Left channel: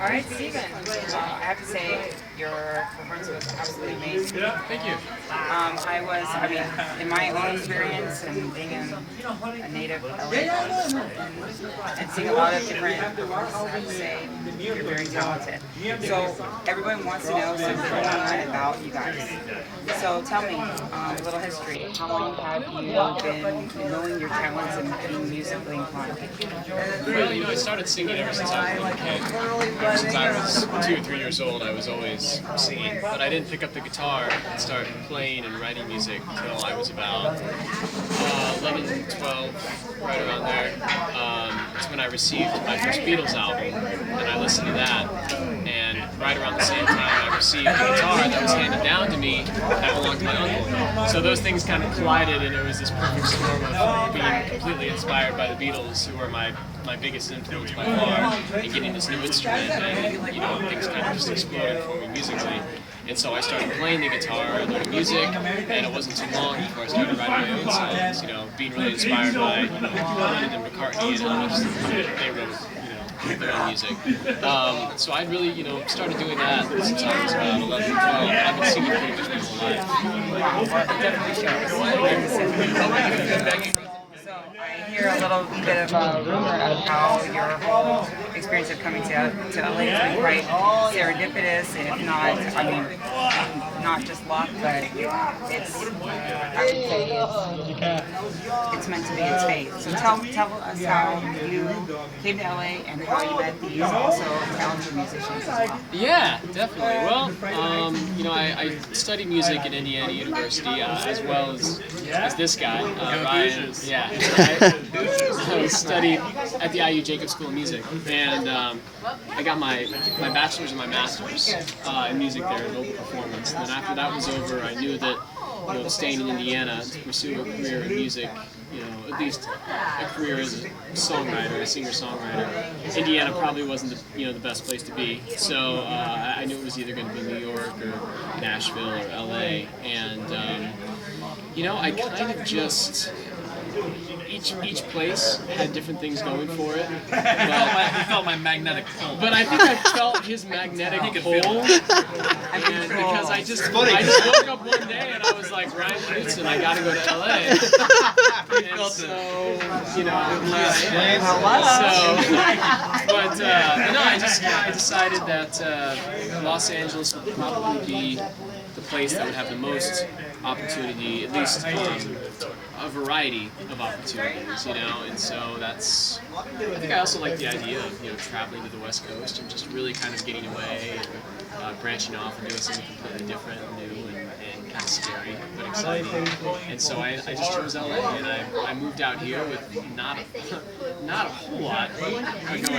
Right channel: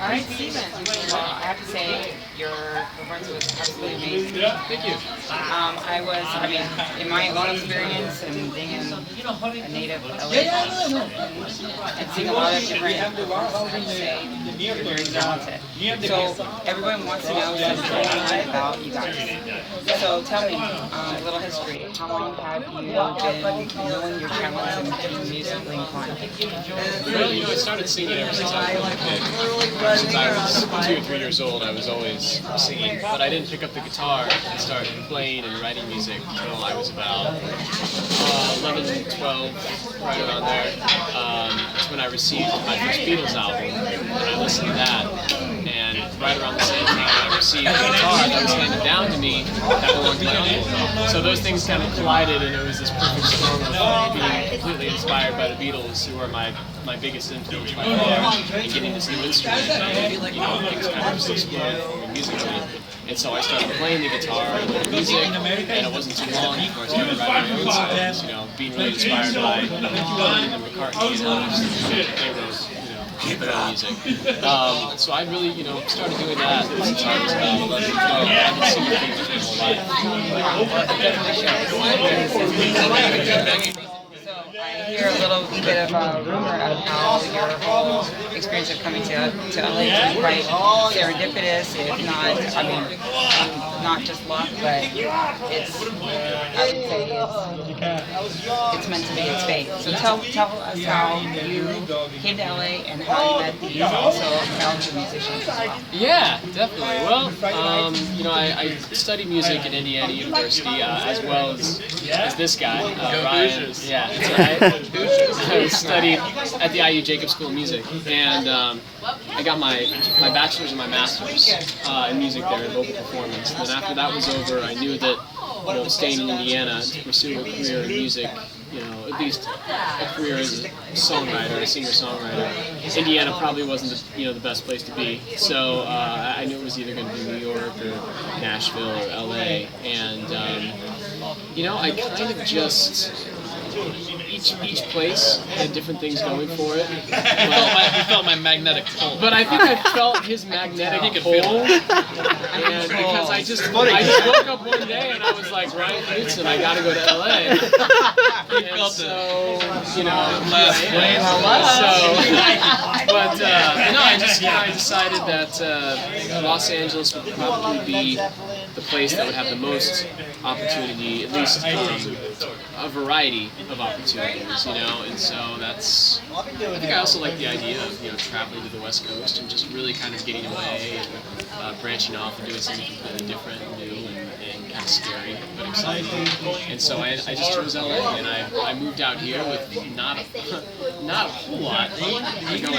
All right, Stephen. Well, I have to say your performance was absolutely amazing. Yeah, thank you. In my own experience and being a native LA and seeing a lot of different performances, I have to say you're very talented. So everyone wants to know something online about you guys. So tell me a little history. How long have you been knowing your talents and being musically inclined? Well, I started singing ever since I was a kid. Since I was 2 or 3 years old, I was always singing. But I didn't pick up the guitar and start playing and writing music until I was about 11, 12, right around there. That's when I received my first Beatles album, and I listened to that. And right around the same time I received the guitar that was handed down to me that belonged to my uncle. So those things kind of collided, and it was this perfect storm of being completely inspired by the Beatles, who are my biggest influence by far, and getting this new instrument, and things kind of just exploded from musically. And so I started playing the guitar and the music, and it wasn't too long before I started writing my own songs, being really inspired by Lennon and McCartney and others. They wrote, their own music. So I really, started doing that since I was about 11, 12. I haven't seen anything like my whole life. Wow, well, it definitely shows. So I hear a little bit of a rumor of how your whole experience of coming to LA is quite serendipitous, if not, not just luck, but it's, I would say it's meant to be, it's fate. So tell us how you came to LA and how you met these also talented musicians as well. Yeah, definitely. Well, I studied music at Indiana University as well as this guy, Ryan. Yeah, I studied at the IU Jacob School of Music, and I got my bachelor's and my master's in music there in vocal performance. And then after that was over, I knew that staying in Indiana to pursue a career in music, at least a career as a songwriter, a singer-songwriter, Indiana probably wasn't the best place to be. So I knew it was either going to be New York or Nashville or LA, and I kind of just. Each place had different things going for it. You felt my magnetic pull. But I think I felt his magnetic pull. And because I just woke up one day and I was like, Ryan Knudsen, I gotta go to LA. And so, I decided that Los Angeles would probably be the place that would have the most opportunity, at least a variety of opportunities, and so that's, I think I also like the idea of, traveling to the West Coast and just really kind of getting away and branching off and doing something completely different and new and kind of scary, but exciting. And so I just chose LA, and I moved out here with not a whole lot going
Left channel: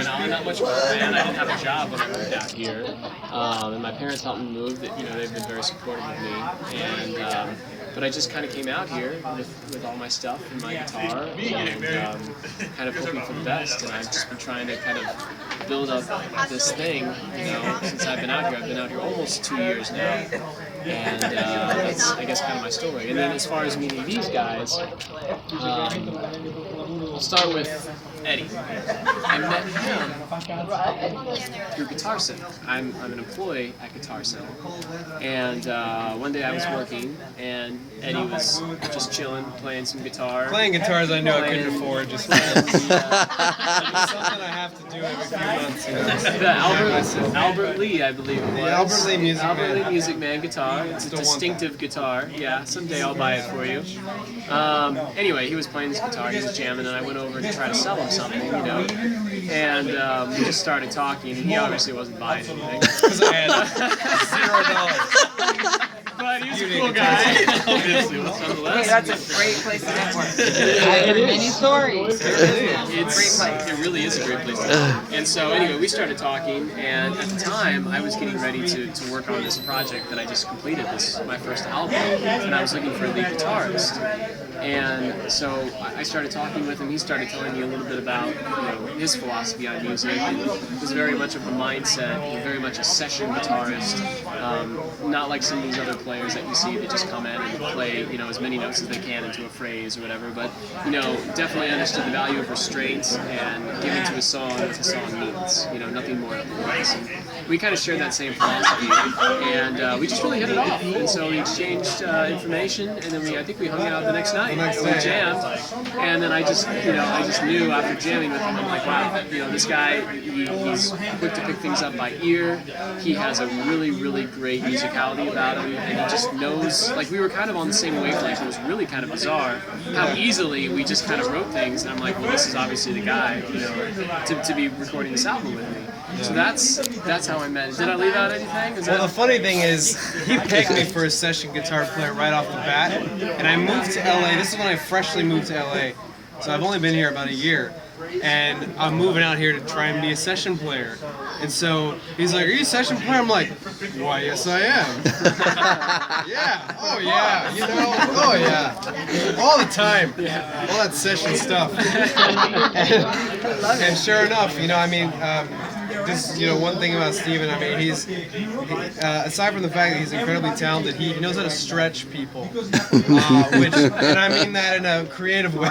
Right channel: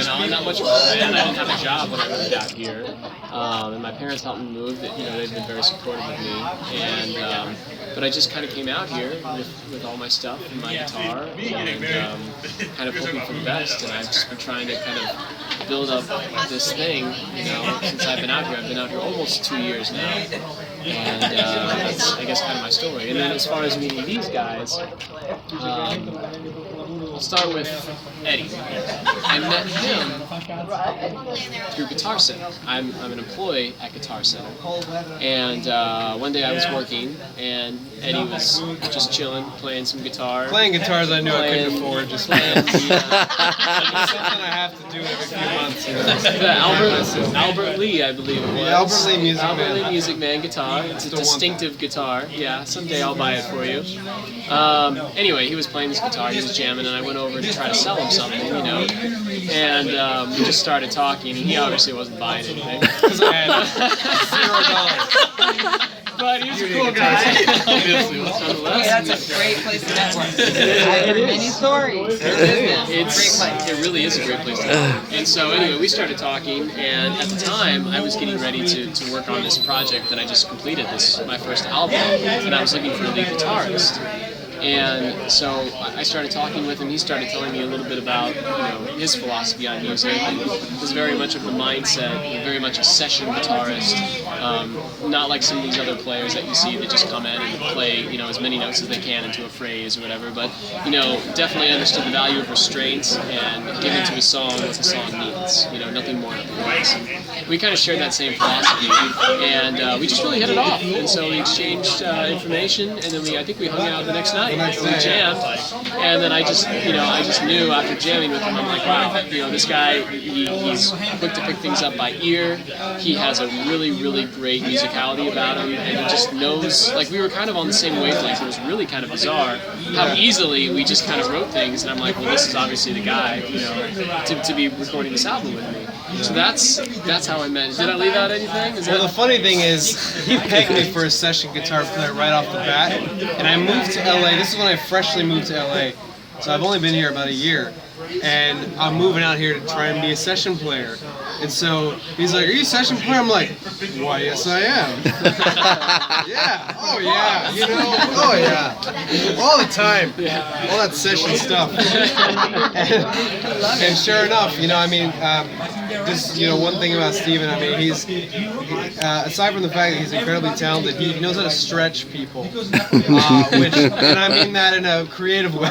on, not much of a plan. I didn't have a job when I moved out here, and my parents helped me move. They've been very supportive of me, and but I just kind of came out here with all my stuff and my guitar, and kind of hoping for the best. And I've just been trying to kind of build up this thing, since I've been out here. I've been out here almost 2 years now, and that's, I guess, kind of my story. And then as far as meeting these guys, I'll start with Eddie. I met him through Guitar Center. I'm an employee at Guitar Center, and one day I was working, and Eddie was just chilling, playing some guitar. Playing guitars I knew I couldn't afford, just playing. Something I have to do every few months. The Albert Lee, I believe it was. Albert Lee Music Man guitar. It's a distinctive guitar. Yeah, someday I'll buy it for you. Anyway, he was playing this guitar, he was jamming, and I went over to try to sell him something, and we just started talking, and he obviously wasn't buying anything. Because I had $0. But he was a cool guy, obviously, nonetheless. Hey, that's a great place to network. I've heard many stories. It really is a great place to network. And so anyway, we started talking, and at the time, I was getting ready to work on this project that I just completed, my first album, and I was looking for a lead guitarist. And so I started talking with him. He started telling me a little bit about his philosophy on music. And it was very much of the mindset, very much a session guitarist, not like some of these other players that you see that just come in and play as many notes as they can into a phrase or whatever. But definitely understood the value of restraints and giving to a song what the song needs. Nothing more, nothing less. And we kind of shared that same philosophy, and we just really hit it off. And so we exchanged information, and then I think we hung out the next night. We jammed, and then I just knew after jamming with him, I'm like, wow, this guy, he's quick to pick things up by ear. He has a really, really great musicality about him, and he just knows. Like, we were kind of on the same wavelength. It was really kind of bizarre how easily we just kind of wrote things, and I'm like, well, this is obviously the guy, to be recording this album with me. So that's how I met. Did I leave out anything? Well, the funny thing is, he pegged me for a session guitar player right off the bat, and I moved to LA. This is when I freshly moved to LA, so I've only been here about a year, and I'm moving out here to try and be a session player. And so he's like, "Are you a session player?" I'm like, "Why, yes, I am." Yeah. Oh yeah. Oh yeah. All the time. Yeah. All that session stuff. and sure enough, just one thing about Stephen, he's aside from the fact that he's incredibly talented, he knows how to stretch people, which, and I mean that in a creative way.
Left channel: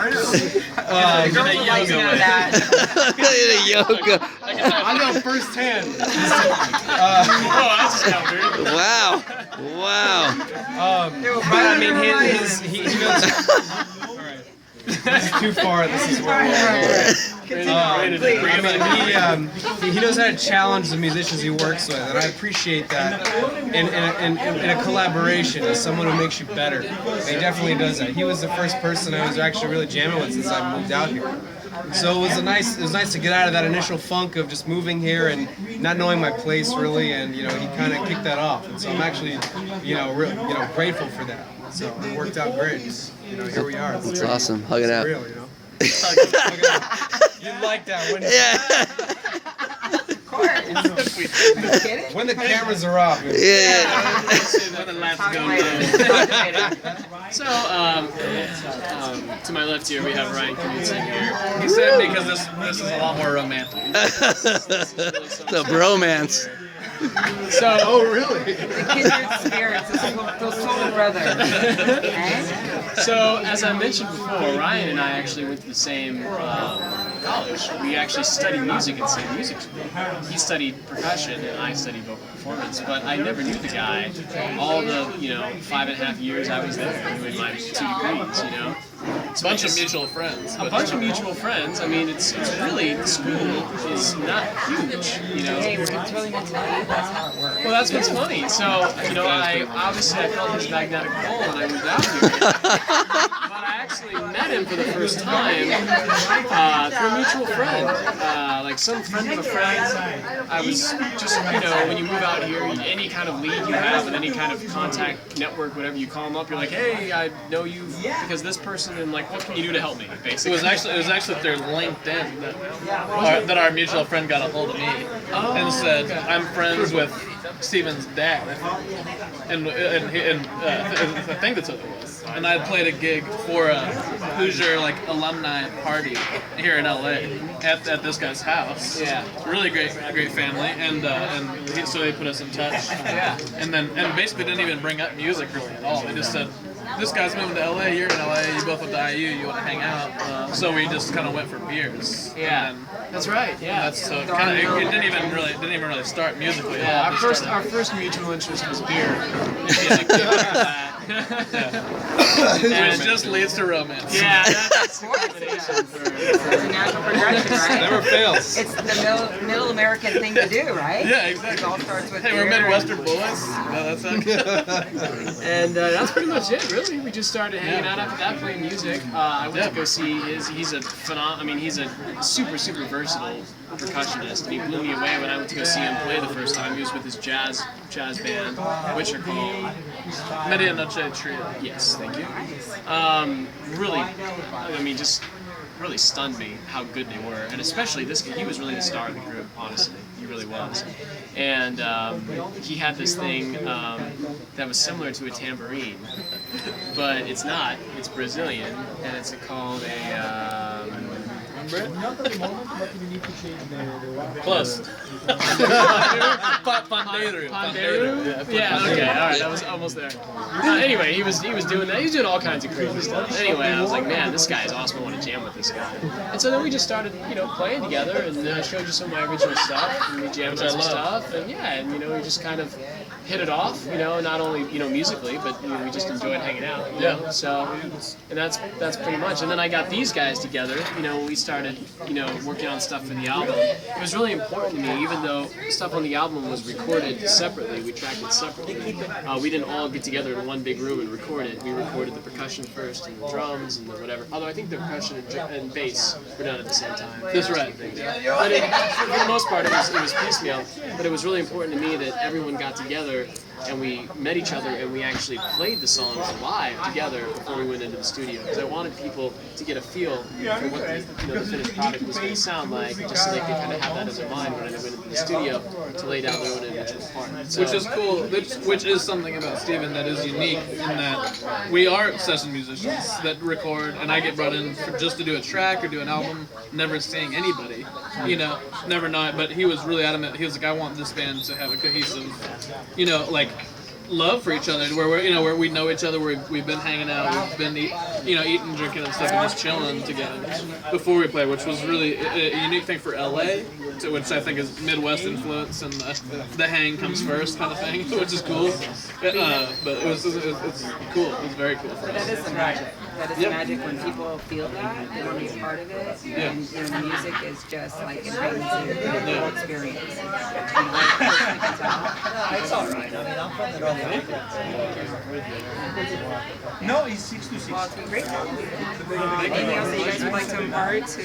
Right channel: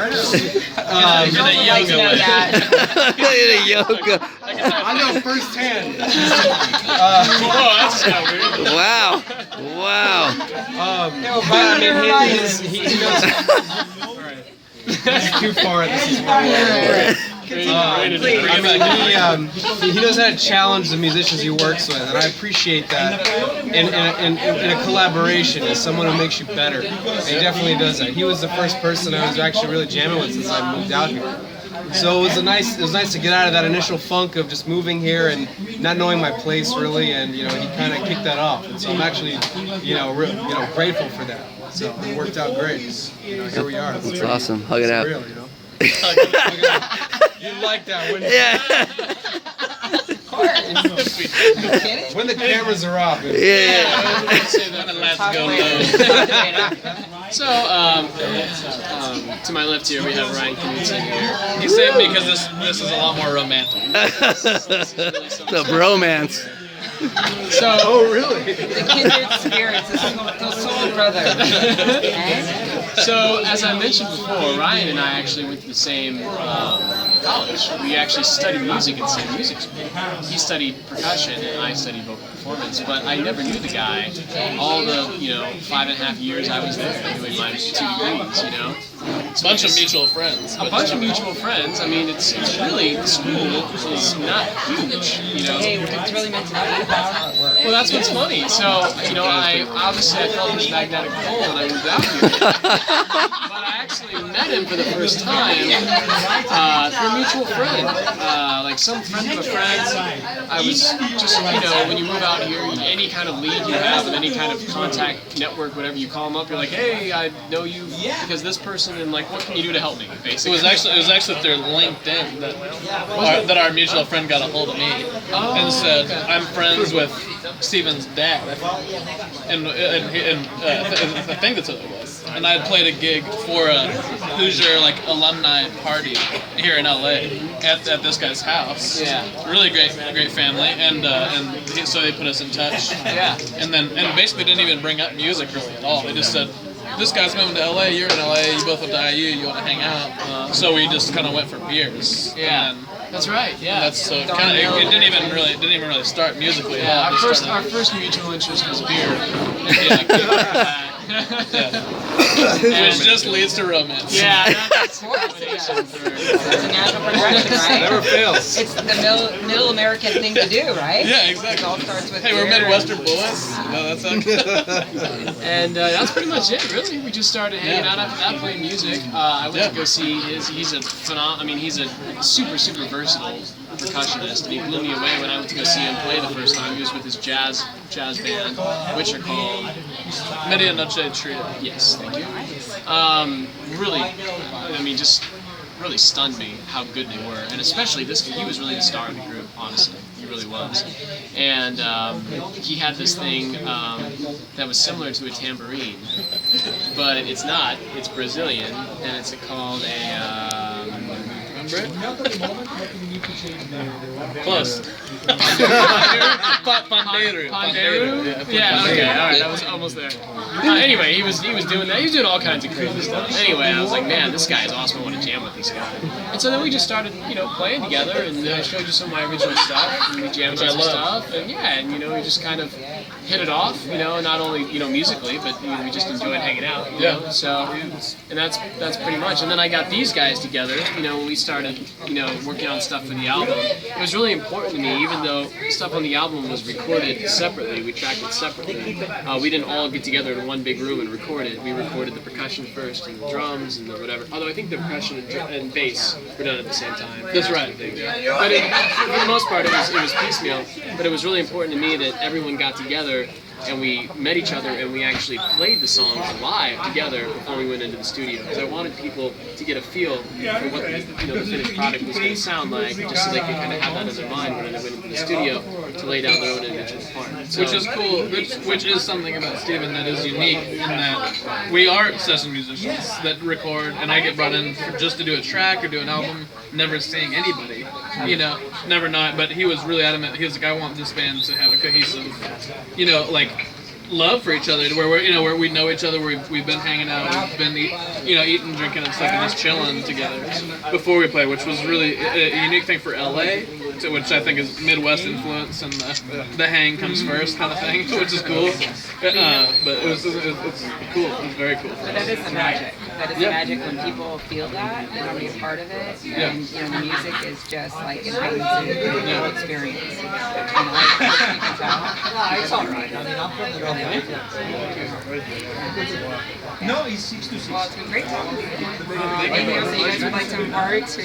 I know firsthand. That's kind of weird. Wow. He knows. It's too far. This is where he knows how to challenge the musicians he works with, and I appreciate that. In a collaboration, as someone who makes you better, and he definitely does that. He was the first person I was actually really jamming with since I moved out here. So it was nice to get out of that initial funk of just moving here and not knowing my place really, and he kind of kicked that off. And so I'm actually grateful for that. So it worked out great. Here we are. That's awesome. Hug it out. Real, You like that, wouldn't you? Yeah. When the cameras are off. So, to my left here, we have Ryan Knudsen here. He saved me because this is a lot more romantic. The bromance. So, The kindred spirits, the soul brother. So, as I mentioned before, Ryan and I actually went to the same college. We actually studied music at the same music school. He studied percussion and I studied vocal performance, but I never knew the guy all the 5.5 years I was there doing my 2 degrees. A bunch of mutual friends. A bunch of mutual friends. I mean, it's really, the school is not huge, Hey, it's really meant to be. That's how it works. Well, that's what's funny. So, I felt his magnetic pull and I moved out here. But I actually met him for the first time through a mutual friend. Like some friend of a friend. I was just, when you move out here, any kind of lead you have with any kind of contact network, whatever you call them up, you're like, hey, I know you because this person, and like, what can you do to help me, basically. It was actually through LinkedIn that our mutual friend got a hold of me and said, I'm friends with Stephen's dad, I think. And I think that's what it was. And I had played a gig for a Hoosier alumni party here in LA at this guy's house. Yeah. Really great family, so they put us in touch. Yeah. And basically didn't even bring up music really at all. They just said, this guy's moving to LA, you're in LA, you both went to IU, you want to hang out. So we just kind of went for beers. Yeah. And That's right. Yeah. it didn't even really start musically. Yeah. At all. Our first mutual interest was beer. Which just leads to romance. Yeah. That's a combination for It's a natural progression, right? Never fails. It's the middle American thing to do, right? Yeah, exactly. It all starts with Hey, we're beer. Midwestern boys. No, that's not good. And that's pretty much it, really. We just started hanging out after that, playing music. I went to go see he's a he's a super, super versatile percussionist, and he blew me away when I went to go see him play the first time. He was with his jazz band, which are called MirandaMedia1 Trio. Yes, thank you. Really, just really stunned me how good they were, and especially this. He was really the star of the group, honestly. He really was. And he had this thing that was similar to a tambourine, but it's not. It's Brazilian, and it's called a... remember it? Close. Pandeiro. Yeah, okay, alright, I was almost there. Anyway, he was doing that. He was doing all kinds of crazy stuff. Anyway, I was like, man, this guy is awesome. I want to jam with this guy. And so then we just started, playing together, and I showed you some of my original stuff, and we jammed on some stuff, and we just kind of hit it off, not only, musically, but we just enjoyed hanging out, So, and that's pretty much. And then I got these guys together, when we started, working on stuff for the album. It was really important to me, even though stuff on the album was recorded separately, we tracked it separately. We didn't all get together in one big room and record it. We recorded the percussion first, and the drums, and the whatever. Although I think the percussion and bass were done at the same time. That's right. But for the most part, it was piecemeal. But it was really important to me that everyone got together and we met each other and we actually played the songs live together before we went into the studio, because I wanted people to get a feel for what the finished product was going to sound like, just so they could kind of have that in their mind when they went into the studio to lay down their own individual part. So, which is cool, which is something about Stephen that is unique in that we are session musicians that record, and I get brought in just to do a track or do an album, never seeing anybody, never not, but he was really adamant. He was like, I want this band to have a cohesive, love for each other, where where we know each other, where we've been hanging out, we've been eating, drinking and stuff, and just chilling together before we play, which was really a unique thing for LA, which I think is Midwest influence, and the hang comes first kind of thing, which is cool. But it's cool. It's very cool for us. That is the magic. That is the magic when people feel that they want to be a part of it. And the music is just like it heightens the whole experience. And I personally can tell. It's all right. I mean, I'm from the No, he's 6 to 6. Well, it's been great. Anything else that you guys would like to impart to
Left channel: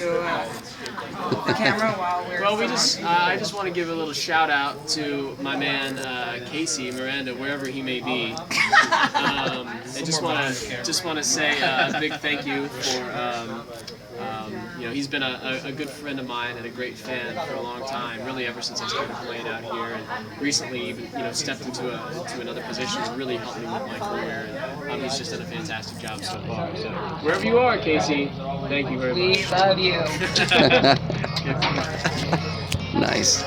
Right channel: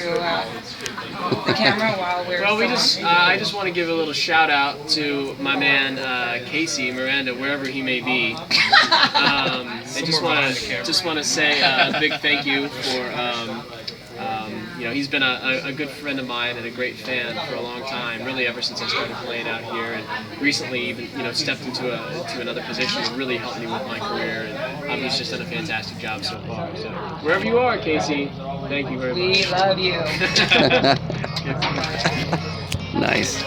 the camera while we're... Well, I just want to give a little shout out to my man Casey Miranda, wherever he may be. I just want to say a big thank you for he's been a good friend of mine and a great fan for a long time, really ever since I started playing out here, and recently even stepped into another position and really helped me with my career, and he's just done a fantastic job so far. So wherever you are, Casey, thank you very much. We love you. Nice.